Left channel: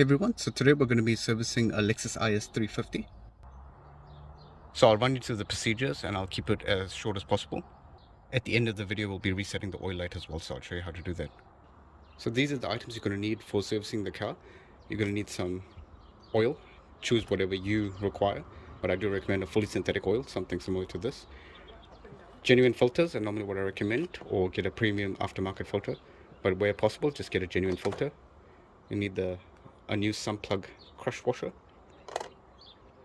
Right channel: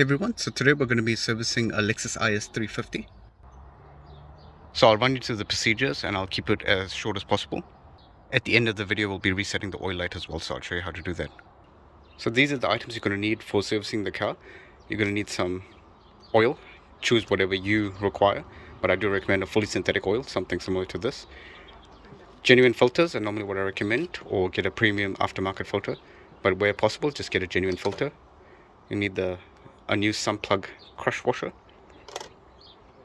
Hey everyone, so today we're going to be servicing a Lexus IS350. So I'll run you through the procedures and I'll keep it as short as possible. At the end of the video we'll be resetting the oil light as well, so I'll show you how to do that. So these are the items you're going to need for servicing the car. You're going to need some oil, choose whatever you require, but I do recommend a fully synthetic oil, something similar to this. Genuine filters are normally what I recommend, or get a premium aftermarket filter, but where possible just get a genuine filter. You need a new sump plug crush washer.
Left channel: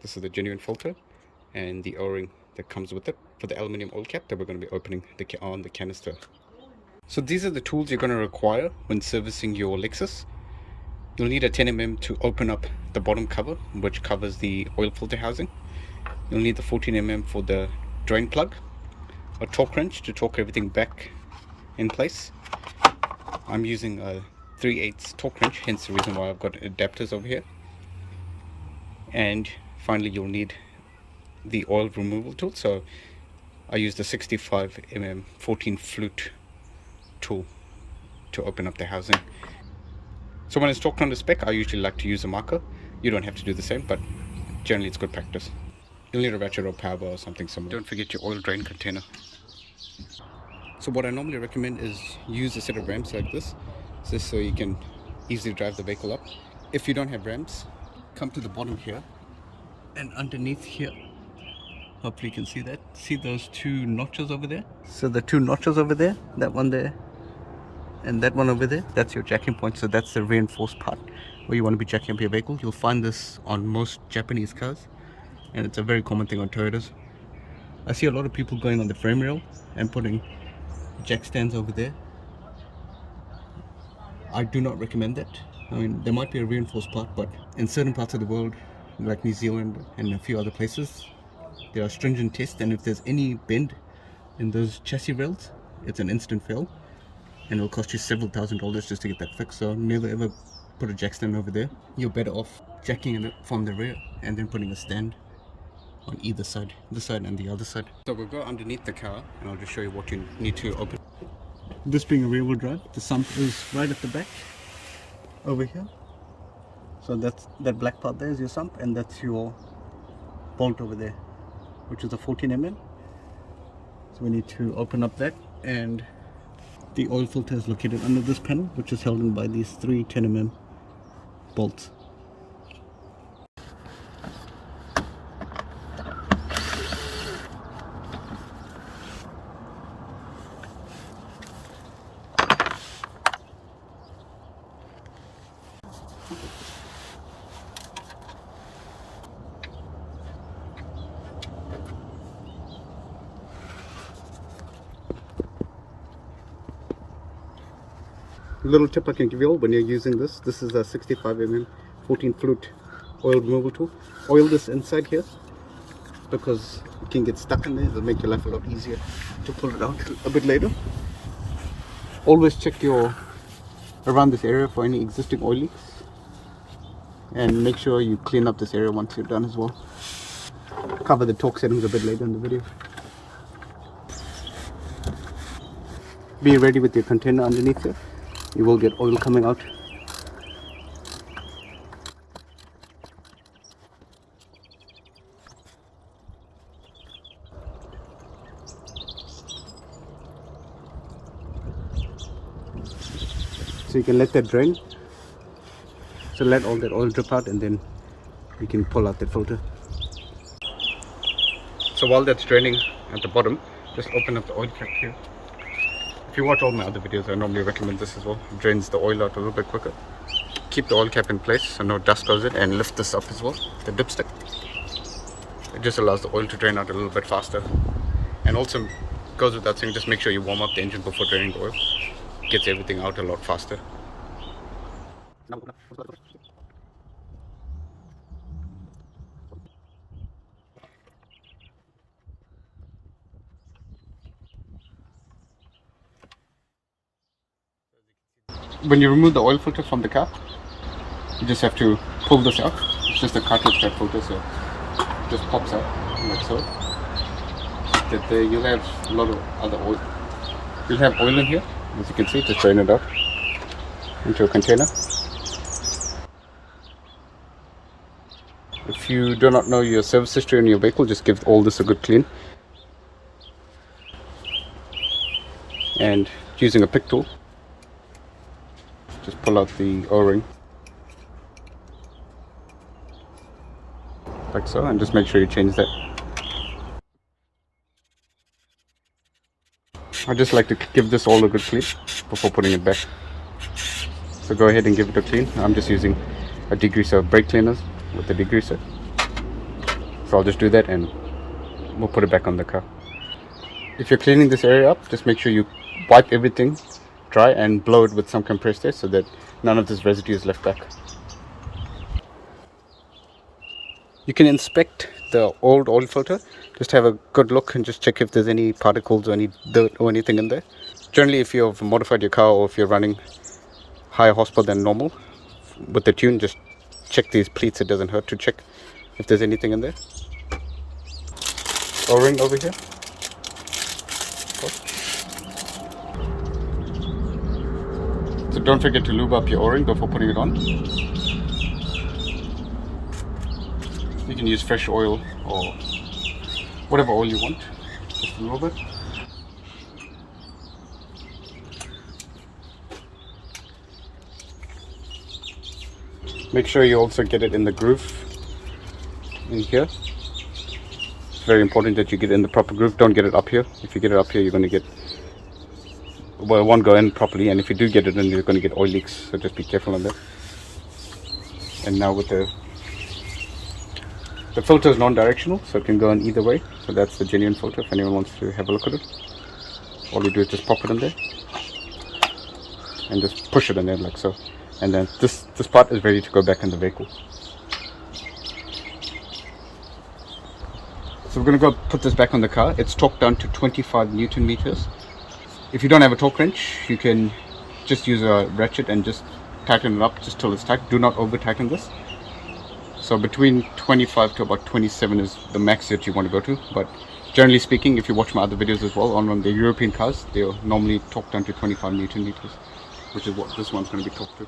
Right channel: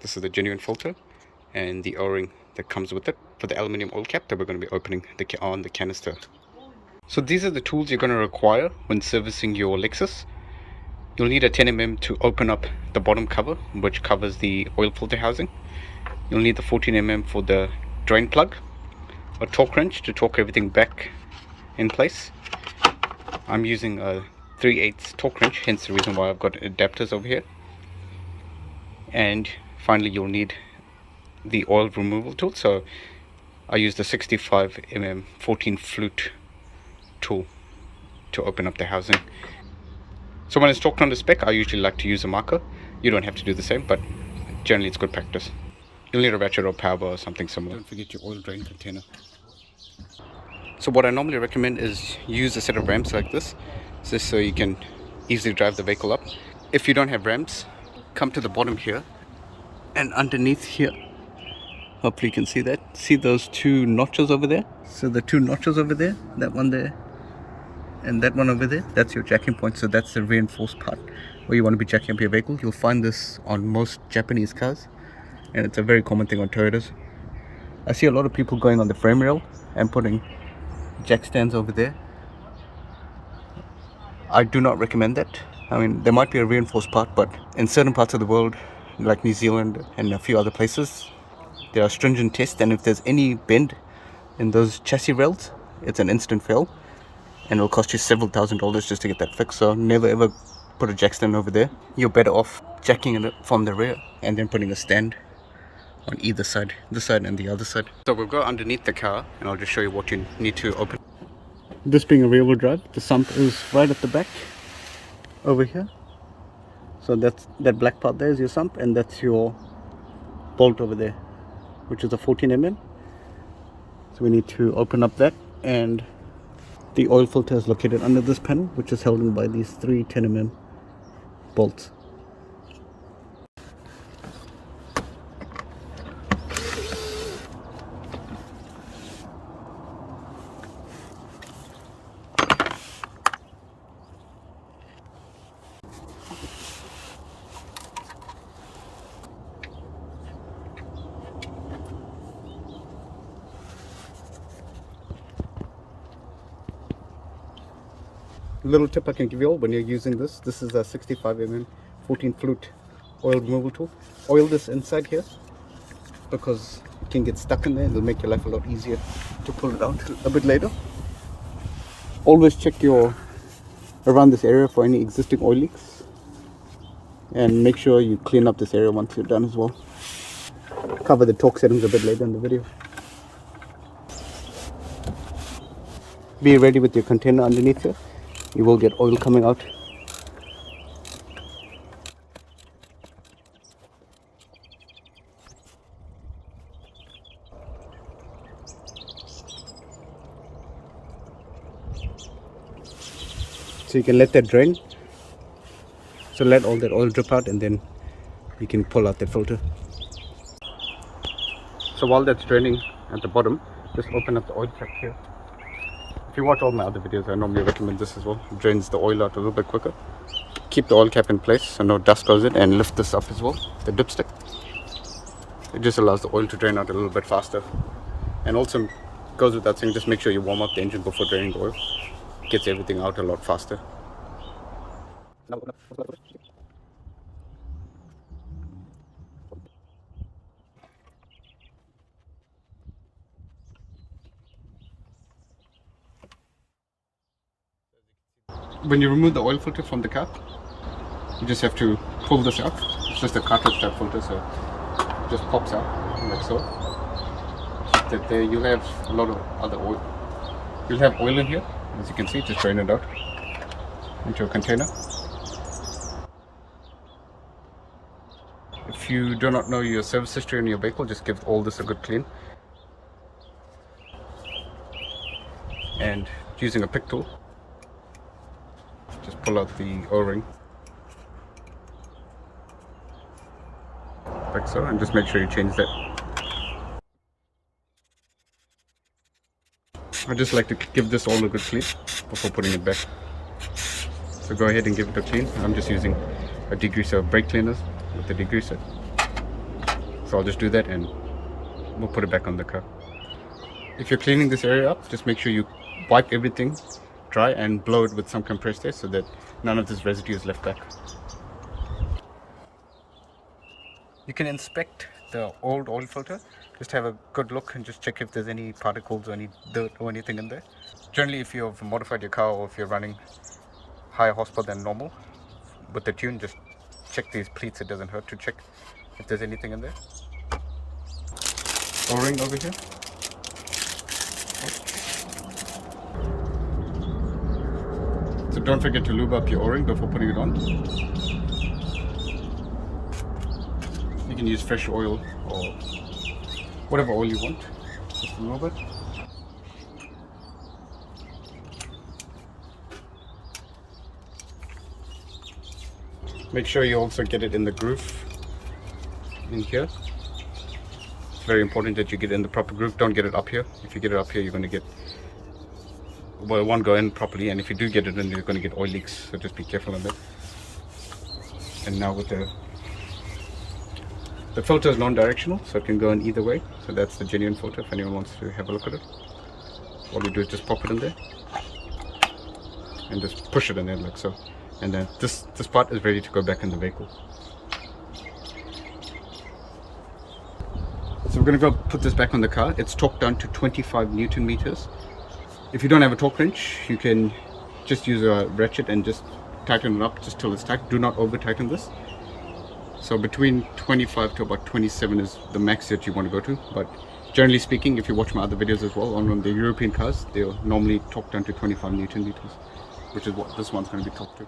This is the genuine filter and the o-ring that comes with it for the aluminium oil cap that we're going to be opening on the canister. So these are the tools you're going to require when servicing your Lexus. You'll need a 10mm to open up the bottom cover, which covers the oil filter housing. You'll need the 14mm for the drain plug, a torque wrench to torque everything back in place. I'm using a 3/8 torque wrench, hence the reason why I've got adapters over here. And finally you'll need the oil removal tool. So I use the 65mm 14 flute tool to open up the housing. So when it's torqued on the spec, I usually like to use a marker. You don't have to do the same, but generally it's good practice. You'll need a ratchet or power bar or something similar. Don't forget your oil drain container. So what I normally recommend is use a set of ramps like this, just so you can easily drive the vehicle up. If you don't have ramps, come to the bottom here, and underneath here, hopefully you can see that. See those two notches over there? So the two notches over there, that one there and that one over there, that's your jacking point. So that's the reinforced part where you want to be jacking up your vehicle. You'll find this on most Japanese cars, and it's a very common thing on Toyotas. I see a lot of people going on the frame rail and putting jack stands over there. I do not recommend that. I mean, there might be a reinforced part, but in certain parts of the world, like New Zealand and a few other places, there are stringent tests, and if there's any bend in those chassis rails, it's an instant fail, and it'll cost you several $1,000s just to get that fixed. So never ever put a jack stand over there. You're better off jacking it from the rear and then putting a stand on either side, this side and the other side. So we'll go underneath the car and I'll just show you what you need to open. This being a rear wheel drive, the sump is right at the back over here. So that's that black part there is your sump, and that's your bolt over there, which is a 14mm. So we need to open up that, and the oil filter is located under this panel, which is held in by these three 10mm bolts. Little tip I can give you all when you're using this is a 65mm 14 flute oil removal tool. Oil this inside here because it can get stuck in there. It'll make your life a lot easier to pull it out a bit later. Always check around this area for any existing oil leaks, and make sure you clean up this area once you're done as well. Cover the torque settings a bit later in the video. Be ready with your container underneath here. You will get oil coming out. So you can let that drain. So let all that oil drip out, and then you can pull out that filter. So while that's draining at the bottom, just open up the oil cap here. If you watch all my other videos, I normally recommend this as well. It drains the oil out a little bit quicker. Keep the oil cap in place so no dust goes in, and lift this up as well, the dipstick. It just allows the oil to drain out a little bit faster. And also goes without saying, just make sure you warm up the engine before draining the oil. Gets everything out a lot faster. When you remove the oil filter from the car, you just have to pull this out. It's just a cartridge type filter, so it just pops out like so. That there you'll have a lot of other oil. You'll have oil in here, as you can see. Just drain it out into a container. If you do not know your service history on your vehicle, just give all this a good clean. And using a pick tool, just pull out the O-ring like so, and just make sure you change that. I just like to give this all a good clean before putting it back. So go ahead and give it a clean. I'm just using a degreaser, brake cleaners with the degreaser. So I'll just do that and we'll put it back on the car. If you're cleaning this area up, just make sure you wipe everything dry and blow it with some compressed air so that none of this residue is left back. You can inspect the old oil filter, just have a good look and just check if there's any particles or any dirt or anything in there. Generally, if you've modified your car or if you're running higher horsepower than normal with the tune, just check these pleats. It doesn't hurt to check if there's anything in there. O-ring over here. So don't forget to lube up your O-ring before putting it on. You can use fresh oil or whatever oil you want, just a little bit. Make sure you also get it in the groove in here. It's very important that you get it in the proper groove. Don't get it up here. If you get it up here, you're going to get, well, it won't go in properly, and if you do get it in, you're going to get oil leaks, so just be careful on that. And now with the filter is non-directional, so it can go in either way. So that's the genuine filter if anyone wants to have a look at it. All you do is just pop it in there and just push it in there like so. And then this part is ready to go back in the vehicle. So we're going to go put this back on the car. It's torqued down to 25 Newton meters. If you don't have a torque wrench, you can just use a ratchet and just tighten it up just till it's tight. Do not over tighten this. So between 25 to about 27 is the max that you want to go to. But generally speaking, if you watch my other videos as well, on the European cars, they're normally torqued down to 25 Newton meters, which is what this one's going to be torqued to.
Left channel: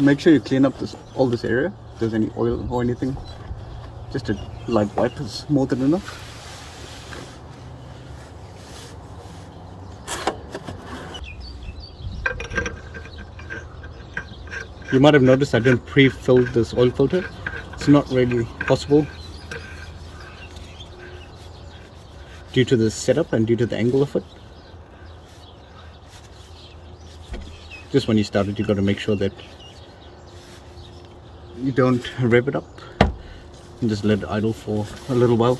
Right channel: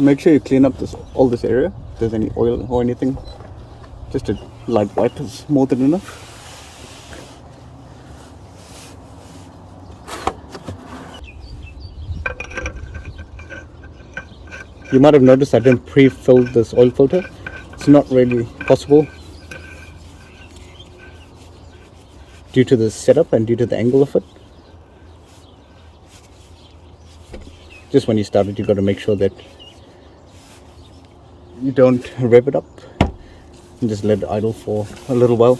Make sure you clean up all this area. If there's any oil or anything, just a light wipe is more than enough. You might have noticed I didn't pre-fill this oil filter. It's not really possible due to the setup and due to the angle of it. Just when you start it, you got to make sure that you don't rev it up and just let it idle for a little while.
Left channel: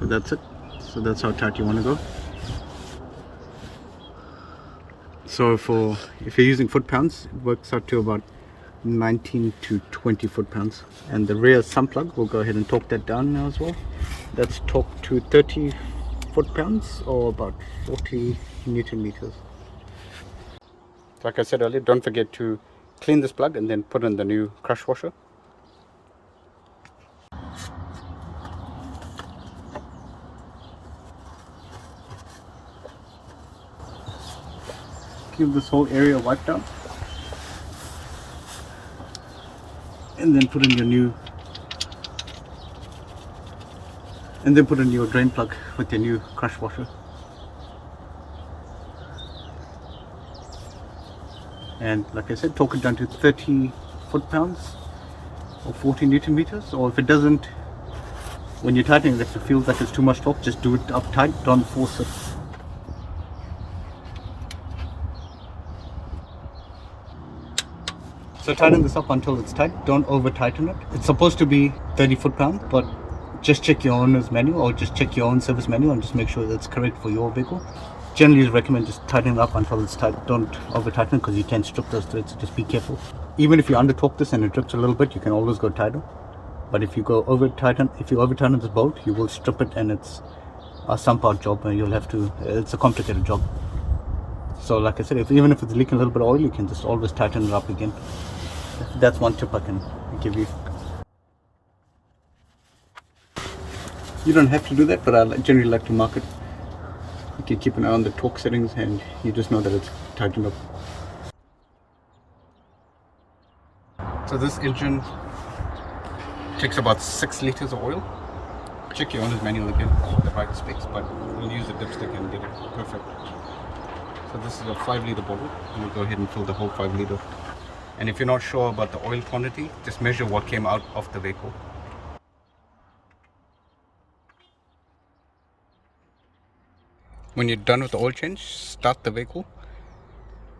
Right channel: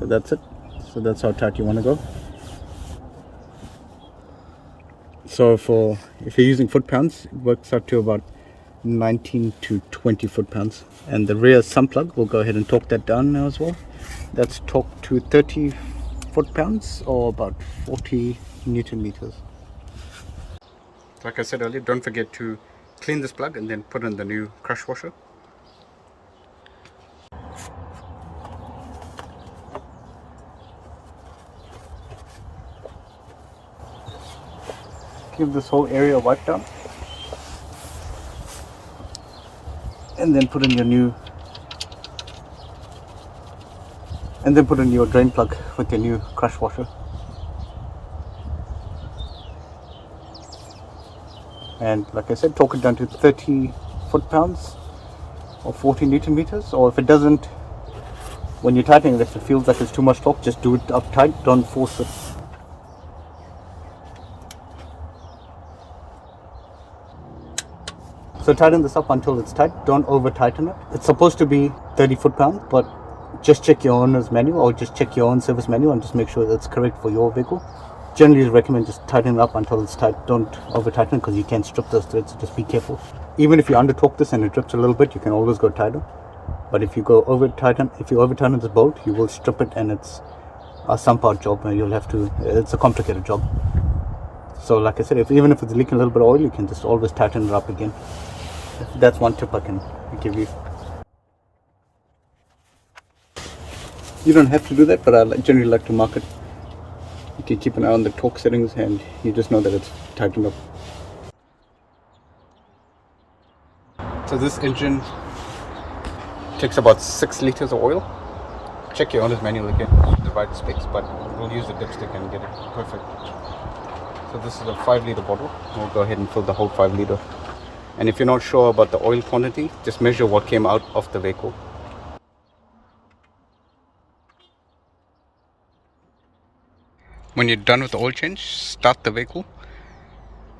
So that's it. So that's how tight you want to go. So if you're using foot pounds, it works out to about 19 to 20 foot pounds. And the rear sump plug, we'll go ahead and torque that down now as well. That's torqued to 30 foot pounds or about 40 Newton meters. Like I said earlier, don't forget to clean this plug and then put in the new crush washer. Give this whole area a wipe down and then put in your new drain plug with your new crush washer. And like I said, torque it down to 30 foot pounds or 40 Newton meters. Or if it doesn't, when you're tightening it, if it feels like it's too much torque, just do it up tight, don't force it. So tighten this up until it's tight, don't over tighten it. It's supposed to be 30 foot pounds, but just check your owner's manual or just check your own service manual and just make sure that's correct for your vehicle. Generally, I recommend just tighten it up until it's tight. Don't over tighten because you can strip those threads, so just be careful. Even if you under torque this and it drips a little bit, you can always go tighter. But if you over tighten this bolt, you will strip it and it's a sump out job and it's a complicated job. So like I said, even if it's leaking a little bit of oil, you can just always tighten it up again. That's one tip I can give you. You don't have to do that, but I generally like to mark it You can keep an eye on the torque settings and you just know that it's tightened up. So this engine takes about 6 liters of oil. Check your owner's manual again, the right specs, but we'll use the dipstick and get it perfect. So this is a 5-liter bottle. We'll go ahead and fill the whole 5-liter. And if you're not sure about the oil quantity, just measure what came out of the vehicle. When you're done with the oil change, start the vehicle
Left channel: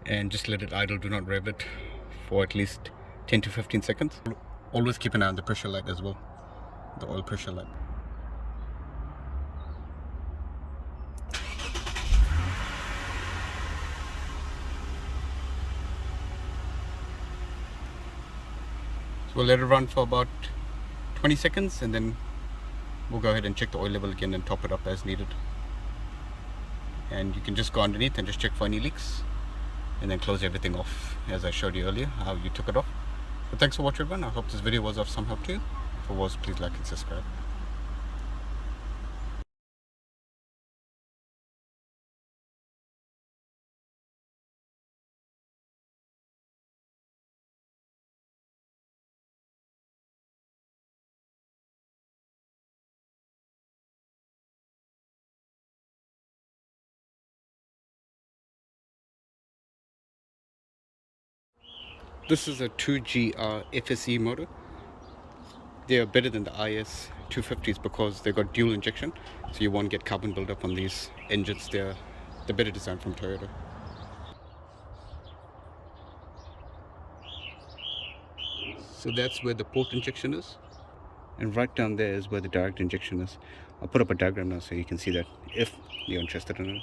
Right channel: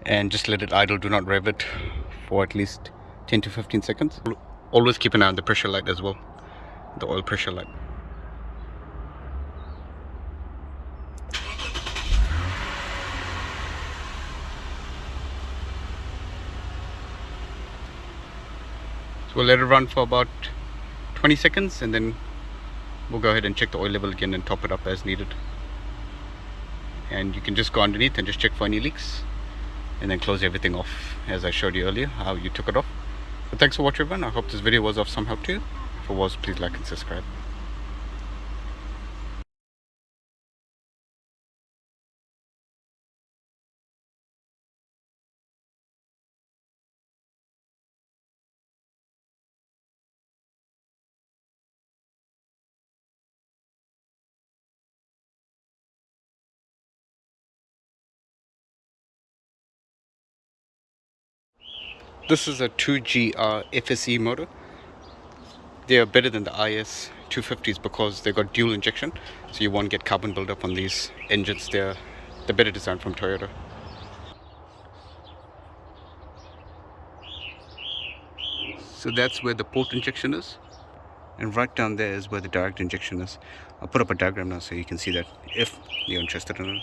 and just let it idle. Do not rev it for at least 10 to 15 seconds. Always keep an eye on the pressure light as well, the oil pressure light. So we'll let it run for about 20 seconds and then we'll go ahead and check the oil level again and top it up as needed. And you can just go underneath and just check for any leaks and then close everything off as I showed you earlier how you took it off. But thanks for watching everyone. I hope this video was of some help to you. If it was, please like and subscribe. This is a 2GR FSE motor. They are better than the IS350s because they got dual injection, so you won't get carbon buildup on these engines. They're the better design from Toyota. So that's where the port injection is, and right down there is where the direct injection is. I'll put up a diagram now so you can see that if you're interested in it.